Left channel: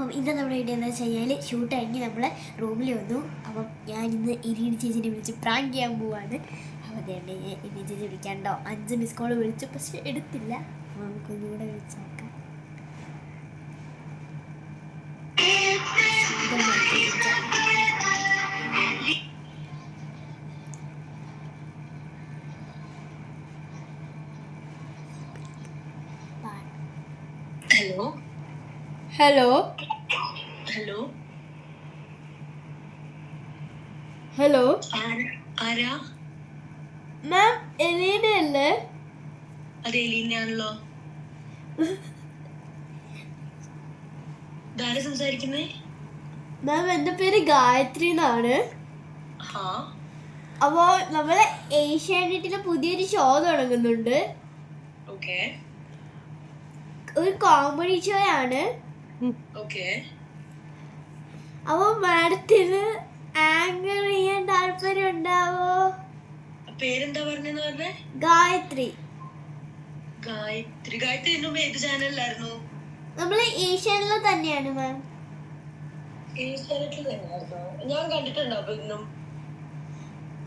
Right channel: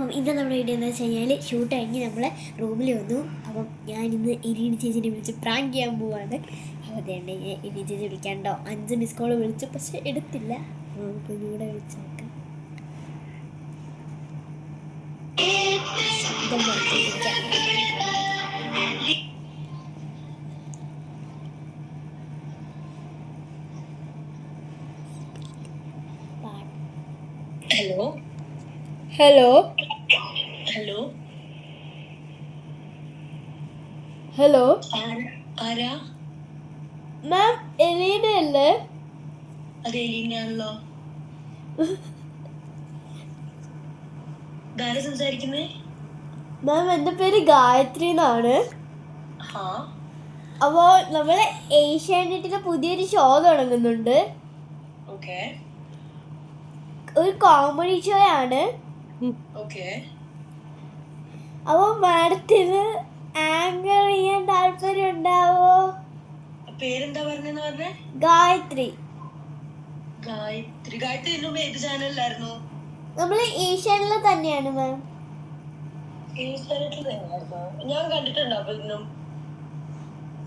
അപ്പം ഇന്ന് നമ്മുടെ വീഡിയോ എന്താ വെച്ച് കഴിഞ്ഞാൽ ഷൂട്ട് കഴിഞ്ഞ് നമ്മളെ റൂമിൽ വന്നു. അപ്പം ഞാൻ ഇന്ന് ഇരീണി ചേച്ചിനെ വിളിച്ച് പ്രാങ്ക് ചെയ്യാൻ പോവാണ്. അപ്പോൾ അതേ ഇരി ചേച്ചി വിളിക്കാണ്ടോ അഞ്ച് മിസ് കോൾ വിളിച്ചു. പക്ഷെ എടുത്തില്ല. നമുക്ക് ഒന്നുകൂടെ വിളിച്ച് നോക്കാം. ഹലോ. ഹലോ. ഹലോ? ഹലോ? ആരാ? മാം എലീന അല്ലേ? അത് എലീനയാണല്ലോ. ഇതാരാ സംസാരിക്കുന്നേ? മാം എന്റെ പേര് ഗായത്രി എന്നാണ്. അപ്പോ നമ്മൾ ഏഷ്യാനെറ്റിലെ പുതിയൊരു ഷോ തുടങ്ങുന്നുണ്ട്. ഒരു കോമഡി ഷോ ആണ് ഓക്കെ. അപ്പോൾ മാഡത്തിന് ആങ്കർ ചെയ്യാൻ താല്പര്യം ഉണ്ടാവോ? പേരെന്താ പറഞ്ഞെന്ന് പറഞ്ഞേ? ഗായത്രി. ഗായത്രി. ഗായത്രി ഇന്നും ഏത് ചാനലിലായിരുന്നു? നമ്മൾ ഏഷ്യാനിൽ തന്നെയാണ് മാം. ഏഷ്യാനെറ്റിൽ തന്നെയായിരുന്നു. ഞാൻ കണ്ടിട്ടുണ്ടോ അപ്പൊ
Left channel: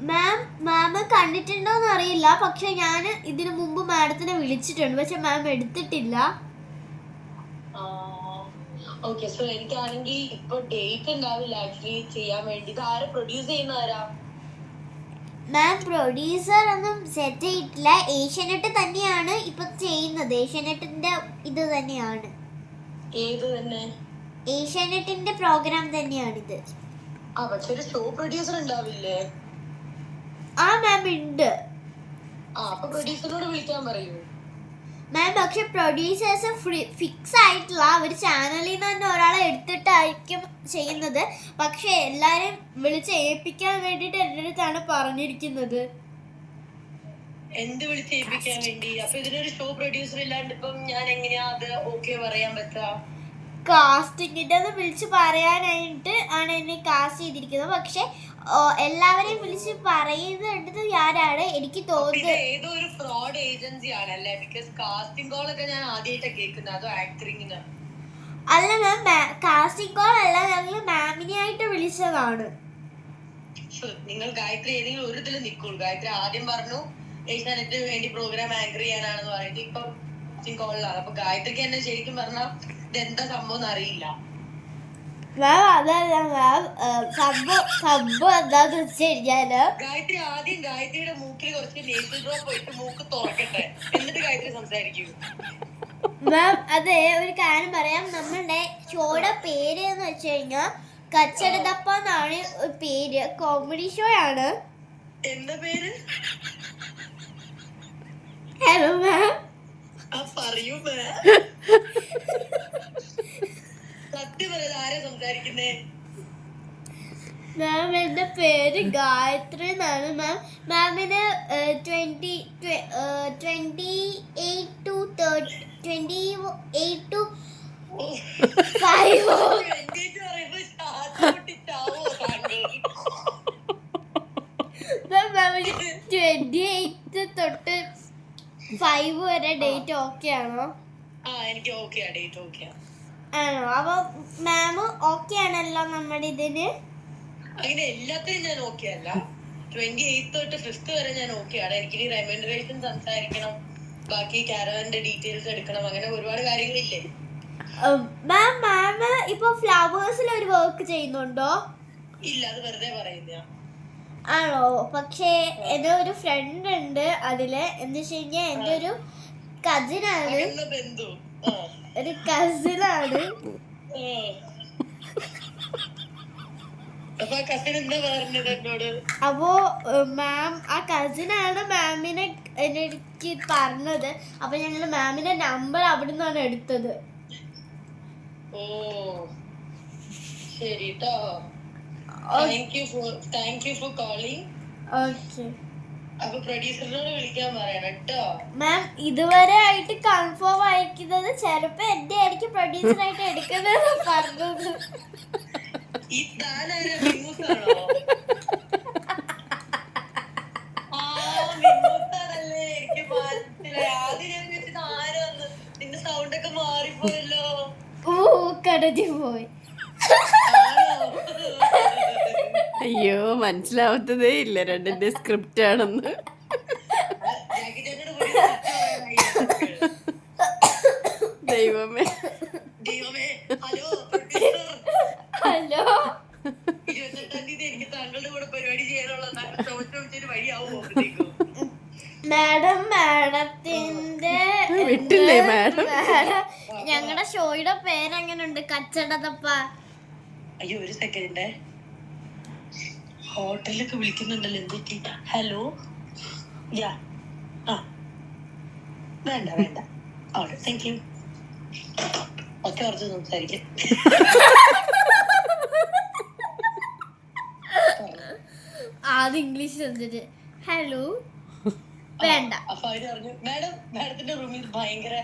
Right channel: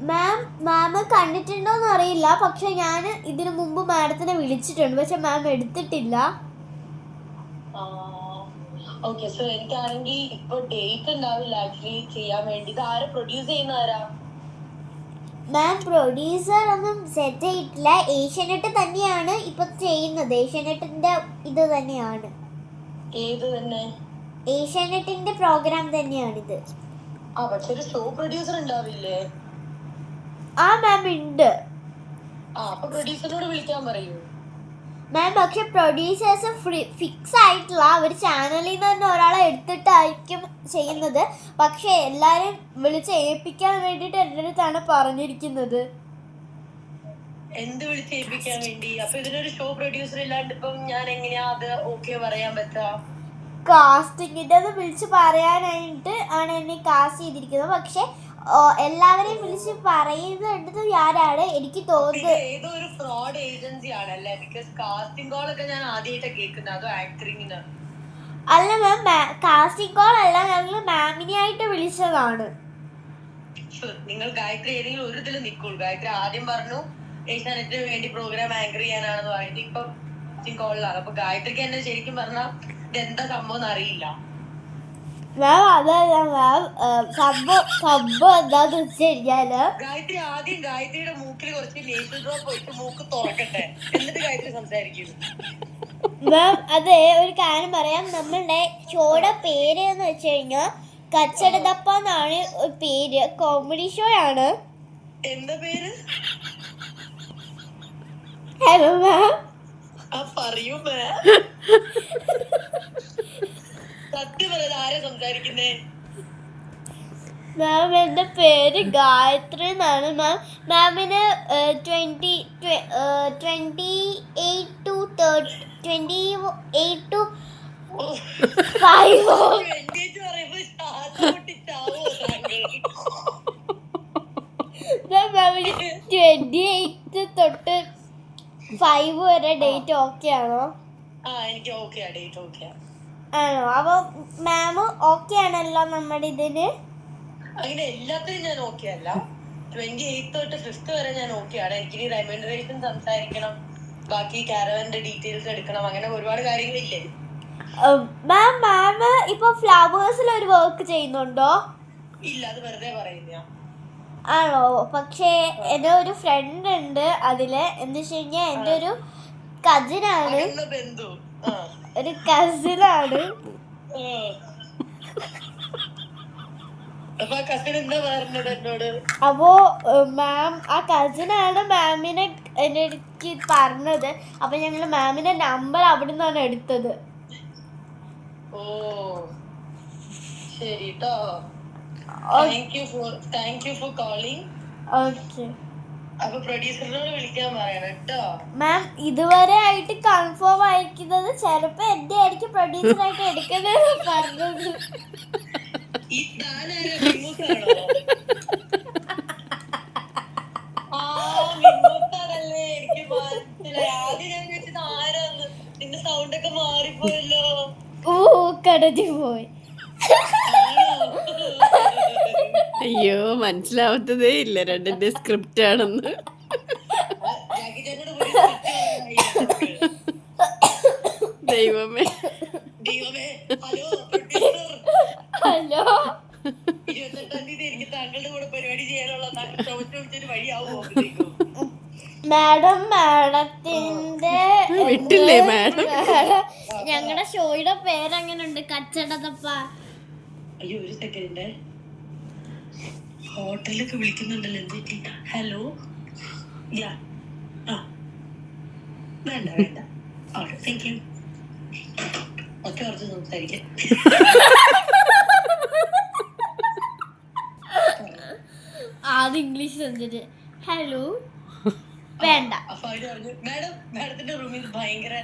മാം മാം കണ്ടിട്ടുണ്ടോന്ന് അറിയില്ല. പക്ഷെ ഞാൻ ഇതിനു മുമ്പ് മാഡത്തിനെ വിളിച്ചിട്ടുണ്ട്. പക്ഷെ മാം എടുത്തിട്ടില്ല. ഓക്കെ സോ എനിക്കാണെങ്കിൽ ഇപ്പൊ ഡേറ്റ് ഉണ്ടാവില്ല ആക്ച്വലി ചെയ്യാൻ വേണ്ടി. ഇത് ആരാ പ്രൊഡ്യൂസ് ചെയ്യുന്നവരാ? മാം പ്രൊഡ്യൂസർ ഒന്നും സെറ്റ് ചെയ്തിട്ടില്ല. ഏഷ്യനെട്ട് തന്നെയാണ് ഇപ്പൊ ചെയ്യുന്നത്. ഏഷ്യനെട്ടിന്റെ ഇത് തന്നെയാണ്. ഏത് തന്നെ? ഏഷ്യാനെറ്റിന്റെ പ്രോഗ്രാം തന്നെയാണിത്. ആ പക്ഷെ ഒരു ഷോ പ്രൊഡ്യൂസർ ഉണ്ടാവില്ലേ ആ മാം ഉണ്ട് ആ അപ്പൊ പ്രൊഡ്യൂസറിനോട് വിളിക്കാൻ പറയൂ. മാം പക്ഷെ പ്രൊഡ്യൂസേഴ്സ് ഫിക്സ് ആയിട്ടുള്ള ഒരു ചാനലിൽ നിന്ന് തന്നെ ഒരാളെ എടുത്തിട്ടായിരിക്കും ചെയ്യുന്നത്. പക്ഷെ എല്ലാരും വിളിച്ച് ഏൽപ്പിക്കാൻ വേണ്ടിയിട്ട് എന്റെ അടുത്താണ് പറഞ്ഞിരിക്കുന്നത്. എന്ത് വിളിച്ച് ഏൽപ്പിക്കാൻ വേണ്ടി? അപ്പൊ ഇതിനൊരു ഷോ പ്രൊഡ്യൂസർ ഇല്ലാണ്ട് ഇപ്പം ഞാൻ എങ്ങനെയാ അത് ഓക്കെ പറയാൻ പറ്റാ? കാസ്റ്റിങ്ങിന്റെ വിളിച്ച് പറയാനായിട്ട് ആണ് എന്നെ കാസ്റ്റ് ചെയ്തിരിക്കുന്നത്. പക്ഷെ എല്ലാവരെയും വിളിച്ച് പറയുന്നത് ഞാനാണ്. എനിക്ക് തോന്നുന്നത് ഏതോ ഒരു ഫ്രോഡ് ഏജൻസി ആണല്ലേ? ബിക്കോസ് കാസ്റ്റിംഗ് കോൾ ഒക്കെ ഞാൻ ആദ്യമായിട്ടാണ് കേൾക്കുന്നത്. അതോ ആക്ടറിങ്ങിന് അല്ല മാം കാസ്റ്റിംഗ് കോൾ അല്ല ഞങ്ങൾ മാമിനെ ആയിട്ട് വിളിച്ചതാണ്. നിങ്ങൾ ഗായത്രി ഏതെങ്കിലും ഒരു ഇതിൽ നിൽക്കുള്ളൂ ഗായത്രി ആദ്യം പറഞ്ഞു ഏഷ്യാനെറ്റിന് വേണ്ടി പ്രോഗ്രാം ആങ്കർ ചെയ്യാനാണെന്ന് പറഞ്ഞിട്ട് ഇപ്പൊ കോളിലാണ് അപ്പൊ ഗായത്രിക്ക് തന്നെ ശരിക്കും പറഞ്ഞാൽ ഇതെന്താ സംഭവം എന്ന് അറിയില്ല. മാം അതല്ല മാം സബ് സബ് എന്താന്ന് വെച്ച് കഴിഞ്ഞാൽ ഗായത്രി ആദ്യം ഗായത്രിയുടെ മൂക്കിൽ കുറച്ച് ലേസർ ഡ്രോപ്പ് ഇട്ട് മൂക്ക് തുറക്കട്ടെ. എന്നിട്ട് ഗായത്രി സംസാരിക്കൂ. മാം അതെ ഒരു കാര്യം പറയാം. നമ്മളുടെ ഷോയുടെ പേര് എന്ന് വെച്ച് കഴിഞ്ഞാൽ കച്ചടതപ്പ എന്നാണ് പേര്. കോമഡി ഷോ ആണ്. എന്താ പേര്? ഹലോ മാം പറയൂ മേ ആരാ സംസാരിക്കുന്നേ? മാം എന്റെ പേര് ഗായത്രി എന്നാണ്. മാം മാമിന് twenty twenty eight to thirty twenty eight to five മാമിന് ട്വന്റി എയ്റ്റ് തൊട്ട് ഫൈവ് വരെ ഡേറ്റ് ഓക്കെ ആണോ? ആ എനിക്ക് ഓക്കെ ഡേറ്റ് ഓക്കെ ആണോ? അപ്പൊ മാം ഓക്കെ ആണല്ലോ നമ്മുടെ ഇതിന്? അങ്ങനെ എല്ലാത്തിനും ഞാൻ ഓക്കെ അല്ല. ട്വന്റി എയ്ത്ത് തൊട്ട് ഫിഫ്ത്ത് വരെ ഞാൻ ഓക്കെ ആണ്. എനിക്ക് ഇനി റെമൻഡറേഷൻ സംസാരിക്കണം. ബാക്കി കാരവന്റെ ഡീറ്റെയിൽസ് എടുക്കണം. അങ്ങനെ ഒരുപാട് കാര്യങ്ങളില്ലേ. മാം മാം ഇപ്പൊ ഫ്ലവേഴ്സിൽ ഒരു വർക്ക് ചെയ്യുന്നുണ്ടോ? ഇല്ല അത് വെറുതെ പറയുന്ന ആണോ? പക്ഷേ എന്റെ ഒരു ഫ്രണ്ട് ഉണ്ട് അതിൽ. എന്ന് വെച്ച് കഴിഞ്ഞാൽ എന്റെ ഒരു കസിനാണ് ബന്ധു? ഒരു കസിനാണ്. അപ്പൊ കസിൻ എന്താ അപ്പോ മാം ആ കസിനാണ് മാമിനെ എനിക്ക് പറഞ്ഞത്. അപ്പൊ ഞങ്ങൾ മാമിന്റെ നമ്പർ അവിടെ നിന്നാണ് എടുത്തത്. ഓ. ശരി ട്ടോ. Thank you for thank you for calling okay. അപ്പൊ പ്രൊഡ്യൂസറിനോട് വിളിക്കാൻ പറയണം കേട്ടോ. മാം ഇതുവരെ ആയിട്ട് കൺഫേം ആയിരിക്കുന്നത് ചിലപ്പോ എന്റെ ആയിരിക്കും പ്രൊഡ്യൂസർ ആയിട്ട് എടുക്കുന്നത് പറഞ്ഞത്. ഈ താനാരാ മിമ്മൂസാണോ ആ മിമ്മൂസാണല്ലേ എനിക്ക് മനസ്സിലായി ആദ്യം ഞാൻ വിചാരിച്ചത് ആരാന്ന് നിന്റെ സൗണ്ട് ഒക്കെ മാറിപ്പോയല്ലോ ഓ മൂക്കടഞ്ഞു പോയി അയ്യോ മനസ്സിലാവത്തതേ ഇല്ല. രണ്ടിന്റെ സ്ക്രിപ്റ്റ് ആണെന്ന്. ദൈവമേ. ദൈവമേ ഹലോ പ്രൊഡ്യൂസർ ഹലോ. ഇരുപത്തെട്ടാം തീയതി എനിക്ക് താങ്കളുടെ കൂടെ പരിപാടി ചെയ്യാനുള്ള വഴിയാവുമോ? മാഡം മാഡത്തിന്റെ വിട്ടില്ലേ മാഡം? ഞങ്ങളുടെ ഷോയുടെ പേരെങ്ങനെയുണ്ട് കച്ചടതപ്പ. അയ്യോ ഒരു സെക്കൻഡ് ഹോട്ടലൊക്കെ വിളിക്കുന്നുണ്ടല്ലോ എന്തൊക്കെ ഹലോ യാ ആ. വേണ്ട വേണ്ട. ഓക്കെ താങ്ക് യു ഒറ്റ കുറച്ച് സംസാരിക്കാം. ആദ്യം ഇംഗ്ലീഷ് എന്തിട്ട് ഹലോ വേണ്ട. അപ്പൊ അവർ പറഞ്ഞു മാഡം മാഡത്തിന്റെ റൂമിൽ ഭയങ്കര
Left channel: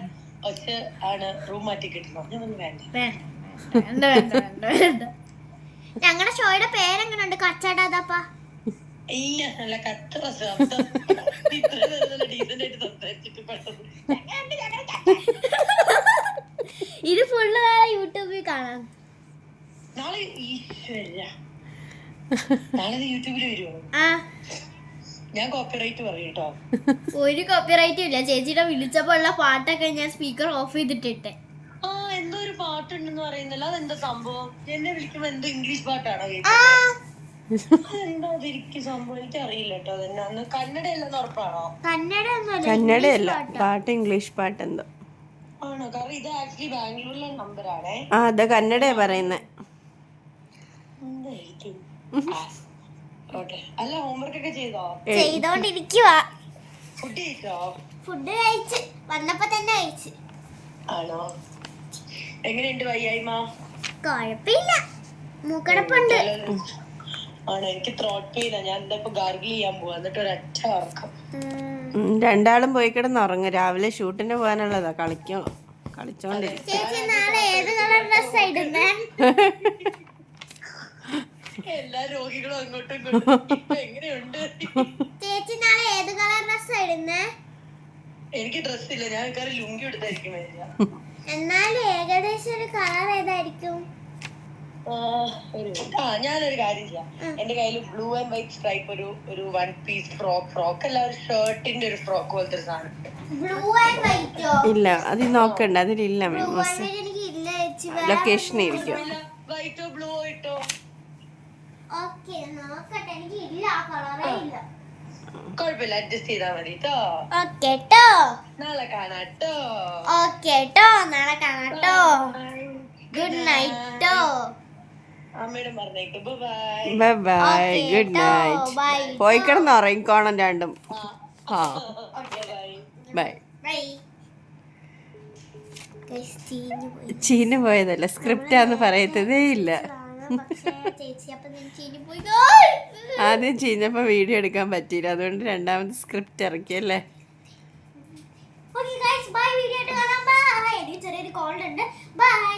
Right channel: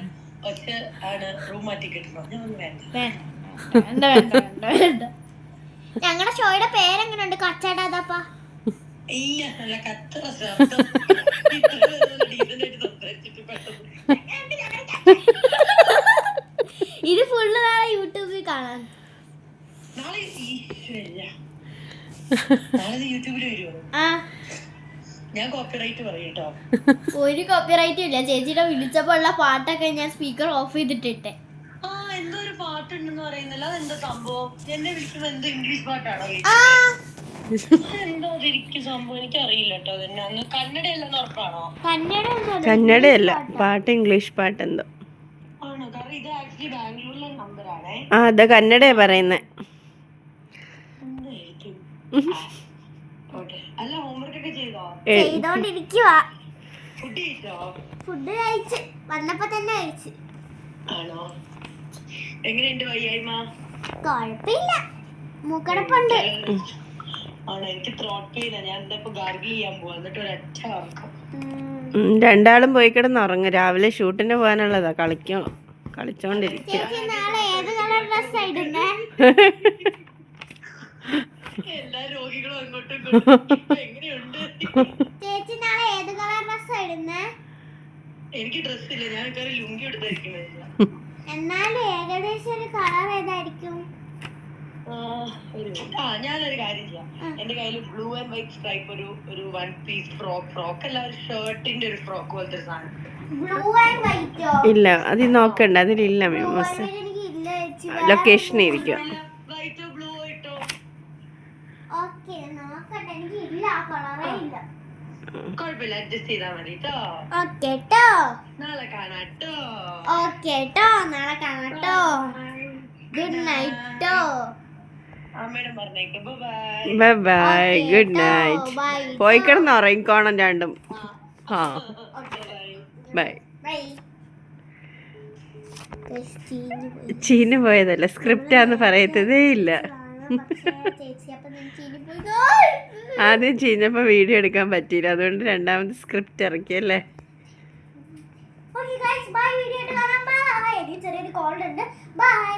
ഒച്ച ആണ്. റൂം മാറ്റി കിട്ടണം? ഞാൻ പറഞ്ഞു വേണ്ട വേണ്ട വേണ്ട വേണ്ട വേണ്ട. ഞങ്ങളുടെ ഷോയുടെ പേരെങ്ങനെയുണ്ട് കച്ചടത്തപ്പ ഇല്ല നല്ല ശബ്ദം ഇത് ഫുള്ള് നാളെ യൂട്യൂബിൽ കാണാൻ. നാളെ നാളെ യൂട്യൂബിൽ വരുമോ ഞാൻ കോപ്പിറൈറ്റ് ഒരു ഇല്ല. ചേച്ചിയുടെ വിളിച്ചപ്പോ ഉള്ള പാട്ടൊക്കെ ഞാൻ സ്പീക്കർ ഓഫ് ചെയ്തിട്ടിട്ടെ. ഒരു പാട്ടുണ്ടെന്ന് പറയുന്നില്ല. അതെന്താ സംഭവം? എന്നെ വിളിക്കുമ്പോ എന്തോ ഇംഗ്ലീഷ് പാട്ടാണോ എന്താ അതിരിക്കും സംഭവം? എനിക്ക് അറിയില്ല കേട്ടോ അതെന്നെ. അന്ന് കന്നഡ അല്ലെന്ന് ഉറപ്പാണോ? കന്നഡയല്ല പാട്ട്. ഇംഗ്ലീഷ് പാട്ടാ. എന്തോ ആണോ? കാരണം ഇത് ആക്ച്വലി ബാംഗ്ലൂരിലെ നമ്പറാണേ. ആ അതാ കന്നഡയാ പറയുന്നേ. അല്ല ഹോംവർക്ക് ഒക്കെ ചെയ്തോ ചെയ്തോണ്ടിരിക്കുവാ. ഫുഡ് കഴിച്ചോ? ഫുഡ് കഴിച്ച്. വന്നപ്പോ തന്നെ കഴിച്ച്. ആണോ? എങ്ങനെയുണ്ട് വയ്യായ്മ? കുഴപ്പമില്ല മൂക്കടപ്പുണ്ട്. ആണ്? എനിക്ക് ത്രോട്ട് പെയിനാ ഞാൻ എന്താ ഇപ്പൊ ഗാർഗിൾ ചെയ്യാൻ പോവാ. എന്നിട്ട് ഒരൊറ്റ ഉറക്കം. രണ്ടാളും പോയി കിടന്ന് ഉറങ്ങും. രാവിലെ ഷൂട്ടിന് പോകാനുള്ളതാ. കളിക്കോ. കളിച്ചോണ്ടിരിക്കും. ചേച്ചി നാളെ ഏത് കളർ ഡ്രസ് ഇടുന്നേ? എല്ലാ രോഗികളും അങ്ങോട്ടും ഇങ്ങോട്ടും. എങ്ങനെയുണ്ട്? ചേച്ചി നാളെ ഏത് കളർ ഡ്രസ്സാ ഇടുന്നേ? എനിക്ക് ഡ്രസ് ഇല്ല. ഞാൻ കയറി ലുങ്കി എടുത്തായിരിക്കും എന്നാലും ഏകദേശം ഒരു കളർ ഏതായിരിക്കും? ആ, ഞാനൊരു കാര്യം ചെയ്യാം. എന്റെ കയ്യിൽ ബ്ലൂ ആൻഡ് വൈറ്റ് സ്ട്രൈപ്പ് ഒരു ഒരു വൺ പീസ് ഫ്രോക്ക് ഫ്രോക്ക് അല്ല ഒരു ഷർട്ടിന്റെ ഒരു ഫ്രോക്ക് പോലത്തെ ഒരു സാധനം. ബ്ലൂ ആൻഡ് വൈറ്റോ ഇല്ല അത് നോക്കണ്ട. അതിലില്ല ലൊക്കേഷൻ ഇരിക്കും. വൈറ്റോ ബ്ലൂ ആയിട്ടോ ഓക്കെ നോക്കട്ടെ എനിക്ക് ഇല്ല ആ കളറേ ഇല്ല കുഴപ്പമില്ല അഡ്ജസ്റ്റ് ചെയ്താൽ മതി കേട്ടോ ഓക്കെ നാളെ കാണാട്ടോ ഓക്കെ ട്ടോ. നാളെ കാണാട്ടോ ഗുഡ് നൈറ്റ് അമ്മയുടെ പറഞ്ഞേക്ക്. Bye bye good night. പോയി കിടന്ന് ഉറങ്ങിക്കോണം രണ്ടും. ആ. ബൈ ബൈ ബൈ ചീന പോയതല്ല? സ്ക്രിപ്റ്റാന്ന് പറയത്തതേ ഇല്ല. ആദ്യം ചീഞ്ഞപ്പോ വീഡിയോ എടുക്കാൻ പറ്റിയില്ല. അതുകൊണ്ട് രണ്ടാമത് സ്ക്രിപ്റ്റ് ഇറക്കിയല്ലേ ചെറിയൊരു കോൾഡ് ഉണ്ട്. ബൈ